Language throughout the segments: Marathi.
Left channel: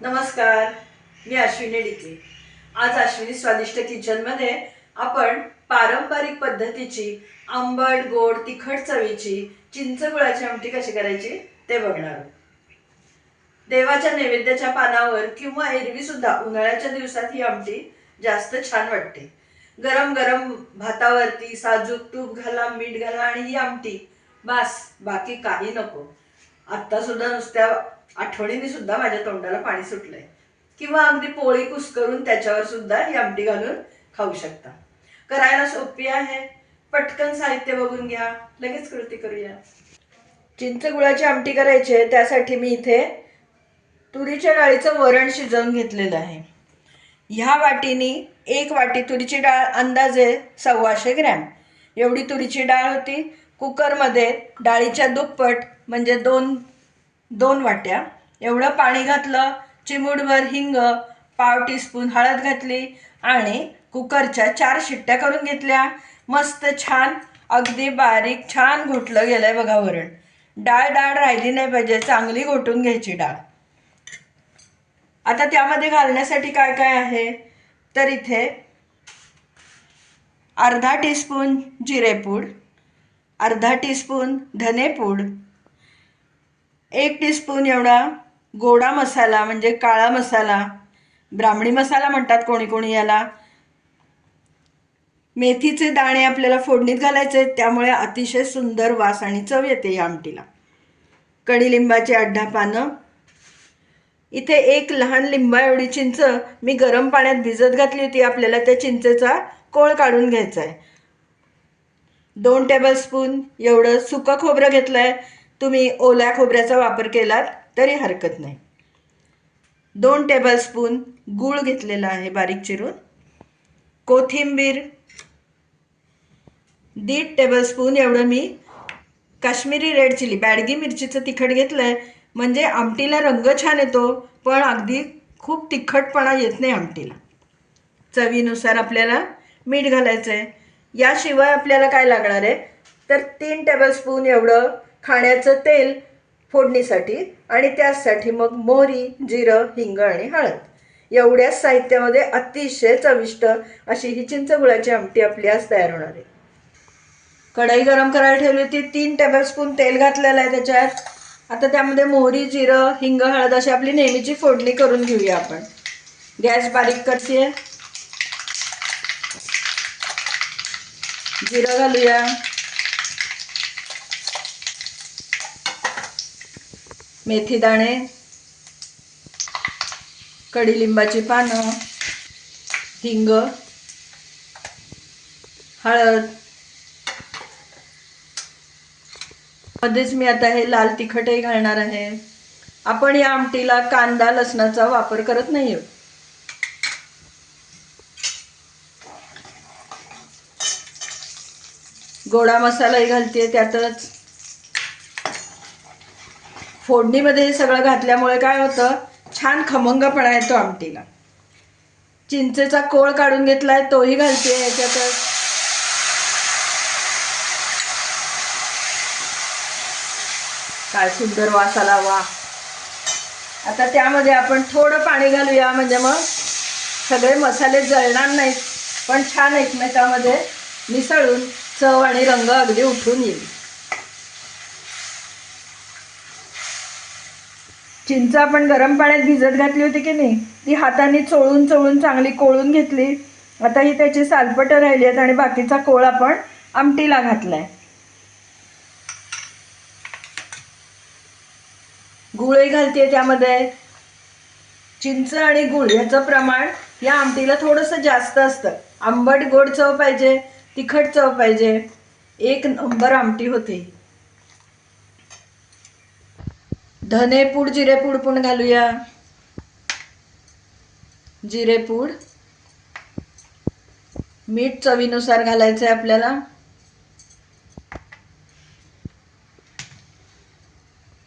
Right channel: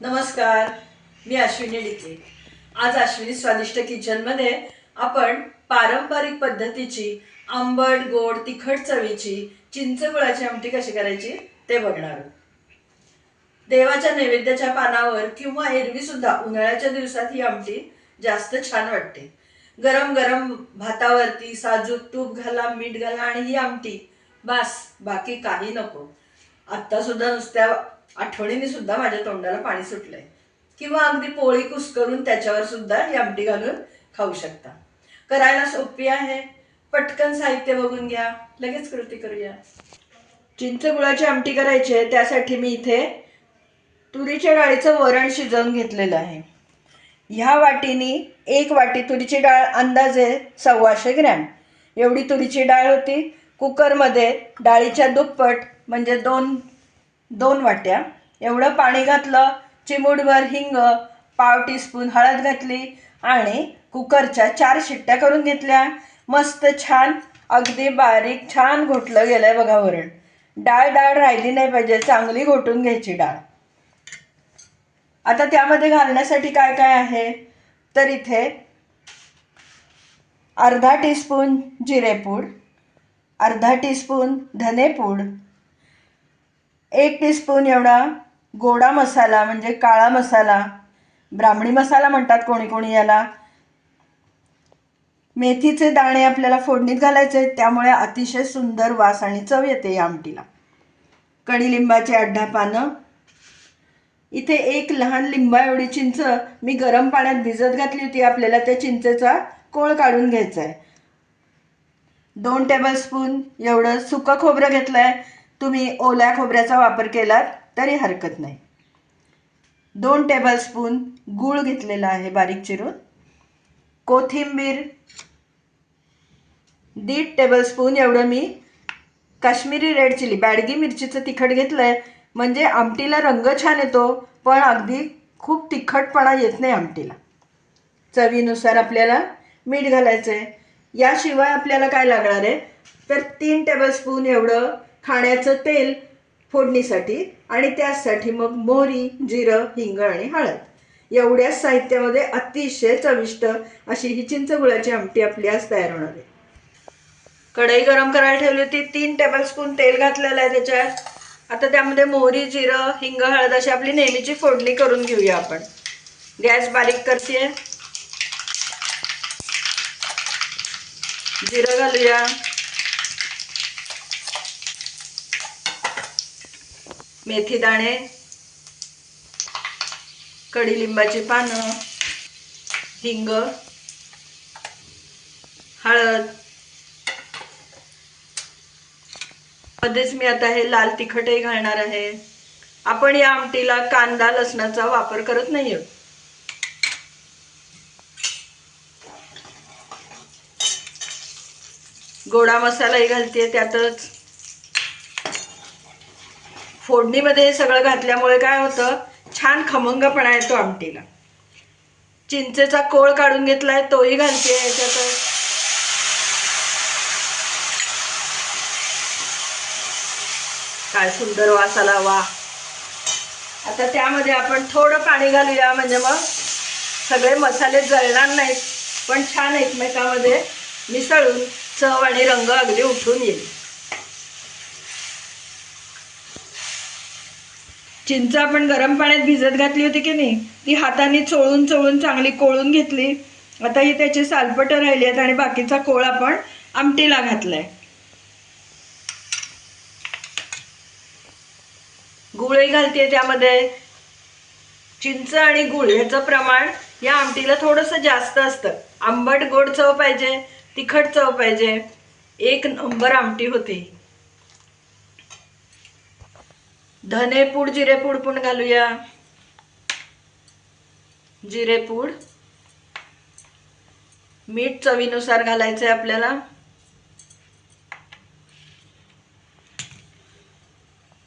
नमस्कार, मी अश्विनी डिके। आज अश्विनी स्वादिष्ट किचनमध्ये आपण पारंपरिक पद्धतीची आंबट गोड तिखट चवीची चिंच गुळाची आमटी कशी करायची ते बघणार आहोत। देवाच्या नैवेद्याच्या पानावर किंवा एरवी सुद्धा उन्हाळ्याच्या दिवसात ही आमटी जास्त छान वाटते। गरम गरम भातावरती साजूक तूप घाला, मीठ घाला आणि ही आमटी बस, बाकी काही नको। आता सुद्धा नुसत्या आठवणीने सुद्धा माझ्या तोंडाला पाणी सुटलंय। किंवा अगदी पोळी कुस्करून त्याच्यावर सुद्धा ही आमटी घालून खाऊ शकता। करायला सोपी आहे, पटकन साहित्य बघून घ्या, लगेच कृती करूया। चिंच गुळाची आमटी करायची आहे, त्यासाठी मी इथे तुरीच्या डाळीचं वरण शिजवून घेतलेलं आहे। ह्या वाटीनी 1 वाटी तुरीची डाळ, अंदाजे 125 ग्रॅम एवढी तुरीची डाळ होती। कुकरमध्ये डाळीच्या दुप्पट म्हणजे 2 वाट्या एवढं पाणी घातलं, चिमूटभर हिंग, पाव टीस्पून हळद घातली आणि कुकरच्या 4 शिट्ट्या करून घेतल्या। मस्त छान अगदी बारीक छान घोटलं गेलंय बघा वरण। डाळ राहिली नाही पाहिजे, चांगली घोटून घ्यायची डाळ। आता त्यामध्ये घालण्यासाठी काय काय आहे तर इथे अर्धा टीस्पून जिरेपूड, अर्धा टीस्पून धनेपूड, 1 टीस्पून एवढा गोडा मसाला म्हणजे काळा मसाला, ब्राह्मणी मसाला म्हणतात कोणी कोणी याला। मेथीचे दाणे आपल्याला फोडणीत घालायचे, त्यामुळे अतिशय सुंदर वास आणि चव येते या आमटीला। कडीलिंबाची 8-10 पानं, इथे 1 लहान लिंबा एवढी चिंच मी गरम पाण्यात भिजत घातली होती। आपल्याला त्या चिंचेचा कोळ काढून घ्यायचा आहे। 2 टेबलस्पून एवढं सुकं खोबरं घेतलंय, तुम्ही ओल्या खोबऱ्याचा वापर केलात तरी हरकत नाही। 2 टेबलस्पून गूळ घेतलेला आहे बारीक चिरून, कोथिंबीर 1.5 टेबलस्पून एवढं मी काश्मीरी रेड चिली बॅडगी मिरचीचं तिखट घेतलंय, म्हणजे आमटीला रंग छान येतो, पण अगदी खूप तिखटपणा येत नाही आमटीला। चवीनुसार आपल्याला मीठ घालायचं आहे। याशिवाय आपल्याला काय लागणार आहे तर 3 टेबलस्पून एवढं खाण्याचं तेल फोडणीसाठी, आणि त्यासाठी मग मोहरी, जिरं, हिंग आणि हळद। एवढ्याच साहित्यामध्ये अतिशय चविष्ट अशी ही चिंच गुळाची आमटी आपली आज तयार होणार आहे। कढई गरम करायला ठेवली होती, 3 टेबलस्पून तेल घातलेलं आहे त्याच्यात। आता त्यामध्ये मोहरी, जिरं, हिंग, हळद अशी आपली नेहमीची फोडणी करून घेऊया आपण। गॅस बारीक करते, जिरं घालूया, मेथी दाणे, कडीलिंबाची पानं, हिंग, हळद, मध्येच मी आता हे लाल तिखटही घालणार आहे। आपण या आमटीला कांदा लसणाचा वापर करत नाही आहोत। गोडा मसालाही घालते त्यातच। फोडणीमध्ये हे सगळं घातल्यामुळे काय होतं, छान खमंगपणा येतो आमटीला। चिंचेचा कोळ काढून घेतलाय, तोही घालते याच्यातच। काय सुंदर वास आला, वा। आता त्यामध्ये आपण थोडं पाणी घालूया, म्हणजे मग सगळे मसाले जळणार नाहीत, पण छान एकमेकांमध्ये मिसळून चव आणि रंग अगदी उठून येईल। चिंच आपण गरम पाण्यात भिजत घातली होती की नाही, ती हाताने चोळून चोळून चांगली कोळून घेतली। आता ही त्याची सालपटं राहिली आहेत आणि बाकीचा कोळ आपण आमटीला घातलाय। गुळही घालते त्यामध्ये। चिंच आणि गुळ याचं प्रमाण या आमटीला थोडंसं जास्त असतं। आंबट गोड चव पाहिजे, तिखट चव पाहिजे, 1 नंबर आमटी होते। धनेपूड, जिरेपूड पण घालूया। जिरेपूड, मीठ चवीनुसार घालायचं आहे आपल्याला।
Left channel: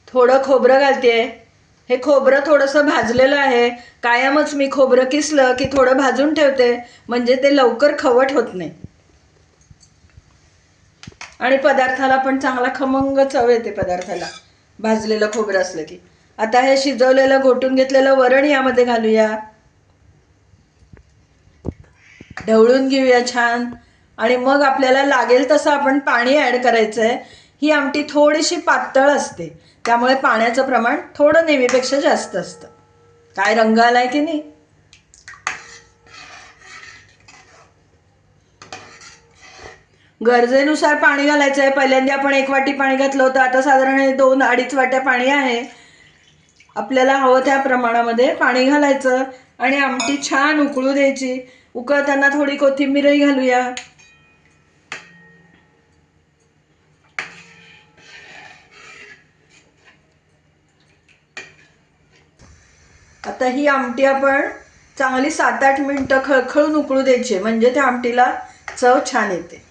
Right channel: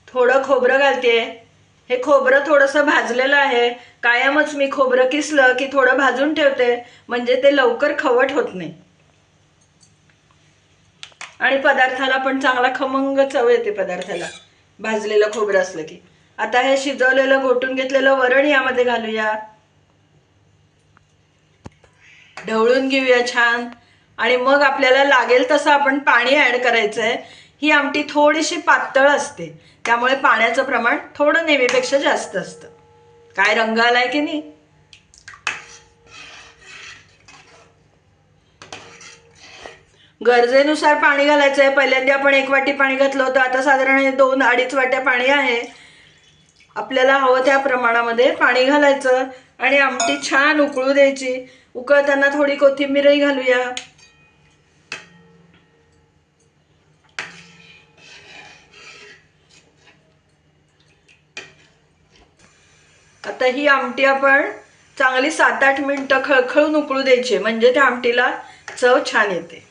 थोडं खोबरं घालते, हे खोबरं थोडंसं भाजलेलं आहे। कायमच मी खोबरं किसलं की थोडं भाजून ठेवते, म्हणजे ते लवकर खवट होत नाही आणि पदार्थाला पण चांगला खमंग चव येते पदार्थाला भाजलेलं खोबरं असलं की। आता हे शिजवलेलं घोटून घेतलेलं वरण यामध्ये घालूया, ढवळून घेऊया छान. आणि मग आपल्याला लागेल तसं आपण पाणी ॲड करायचं आहे. ही आमटी थोडीशी पातळ असते, त्यामुळे पाण्याचं प्रमाण थोडं नेहमीपेक्षा जास्त असतं. काय रंग आलाय की नाही? गरजेनुसार पाणी घालायचं आहे. पहिल्यांदा आपण 1 वाटी पाणी घातलं होतं, आता साधारण 2-2.5 वाट्या पाणी आहे. आपल्याला हवं त्या प्रमाणामध्ये पाणी घालायचं आणि आमटी छान उकळू द्यायची. उकळताना थोडी कोथिंबीरही घालूया. आता ही आमटी आपण चांगली 7-8 मिनिटं खळखळून उकळू द्यायची, म्हणजे त्या आमटीला चव छान येते.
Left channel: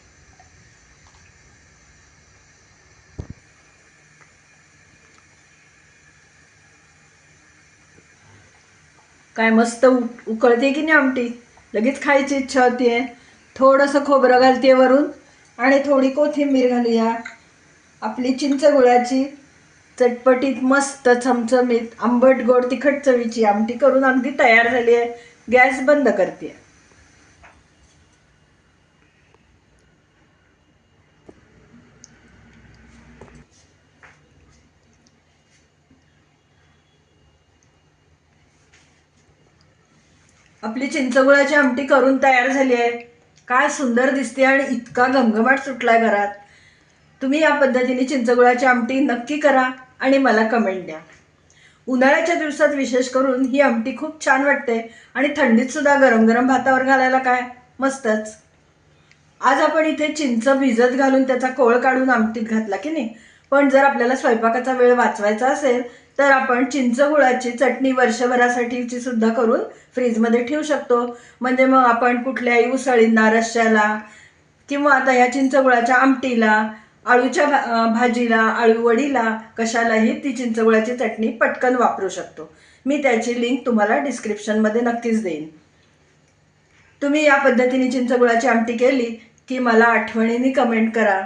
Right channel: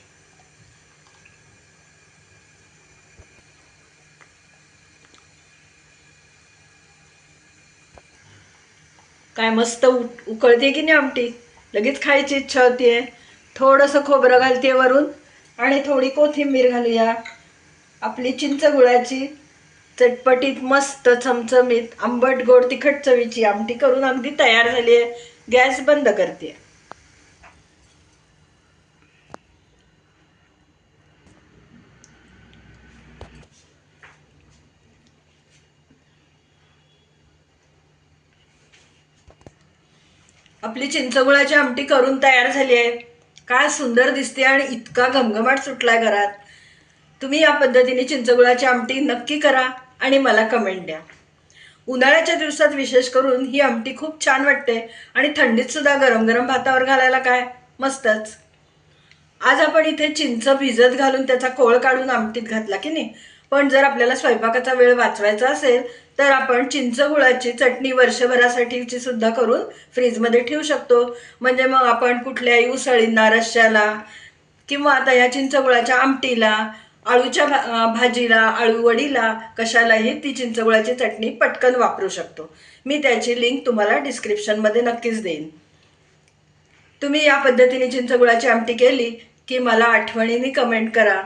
काय मस्त उकळते की नाही आमटी, लगेच खायची इच्छा होतीये. थोडंसं खोबरं घालते वरून आणि थोडी कोथिंबीर घालूया. आपली चिंच गुळाची चटपटीत मस्त चमचमीत आंबट गोड तिखट चवीची आमटी करून अगदी तयार झाली आहे. गॅस बंद करते. आपली चिंचगुळाची आमटी करून तयार झाली आहे. काय सुंदर दिसते आणि इतका घमघमाट सुटलाय घरात. तुम्ही या पद्धतीने चिंचगुळाची आमटी नक्की करा आणि मला कमेंट द्या. उन्हाळ्याच्या दिवसात विशेष करून ही आमटी खूप छान वाटते आणि थंडीत सुद्धा गरम गरम भातावर घालायला काय मस्तच. आज आपण इथे चिंच भिजत घालून त्याचा कोळ काढून आमटीत घातला की नाही, पण जर आपल्याला स्वयंपाकाचा वेळ वाचवायचा असेल तर आपण चिंच गुळाची चटणी वर्षभरासाठीची सुद्धा करून फ्रीजमध्ये ठेवू शकतो. म्हणजे मग आपण कुठल्याही उसळींना, रश्श्याला किंवा आता या चिंच गुळाच्या आमटीला, आळूच्या भाजीला, आळू वडीला कशालाही ती चिंचगुळाची चटणी पटकन वापरू शकतो. मी त्याची लिंक तुम्हाला डिस्क्रिप्शनमध्ये नक्कीच देईन. तुम्ही या पद्धतीने चिंचगुळाची आमटी केली की मला आठवणीने कमेंट करा.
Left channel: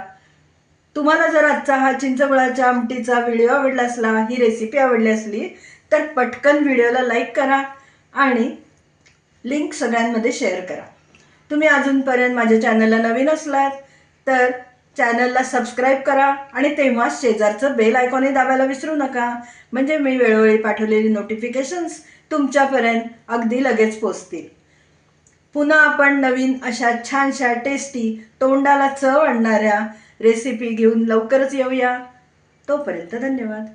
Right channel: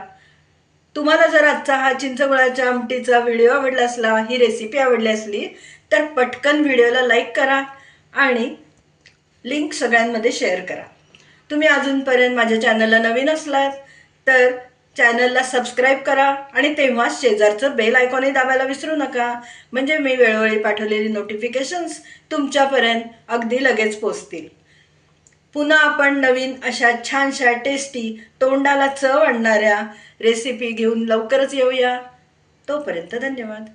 तुम्हाला जर आजचा हा चिंचगुळाच्या आमटीचा व्हिडिओ आवडला असला, ही रेसिपी आवडली असली तर पटकन व्हिडिओला लाईक करा आणि लिंक सगळ्यांमध्ये शेअर करा. तुम्ही अजूनपर्यंत माझ्या चॅनलला नवीन असलात तर चॅनलला सबस्क्राईब करा आणि तेव्हाच शेजारचं बेल आयकॉनही दाबायला विसरू नका, म्हणजे मी वेळोवेळी पाठवलेली नोटिफिकेशन्स तुमच्यापर्यंत अगदी लगेच पोचतील. पुन्हा आपण नवीन अशा छानशा टेस्टी तोंडाला चव आणणाऱ्या रेसिपी घेऊन लवकरच येऊया. तोपर्यंत धन्यवाद.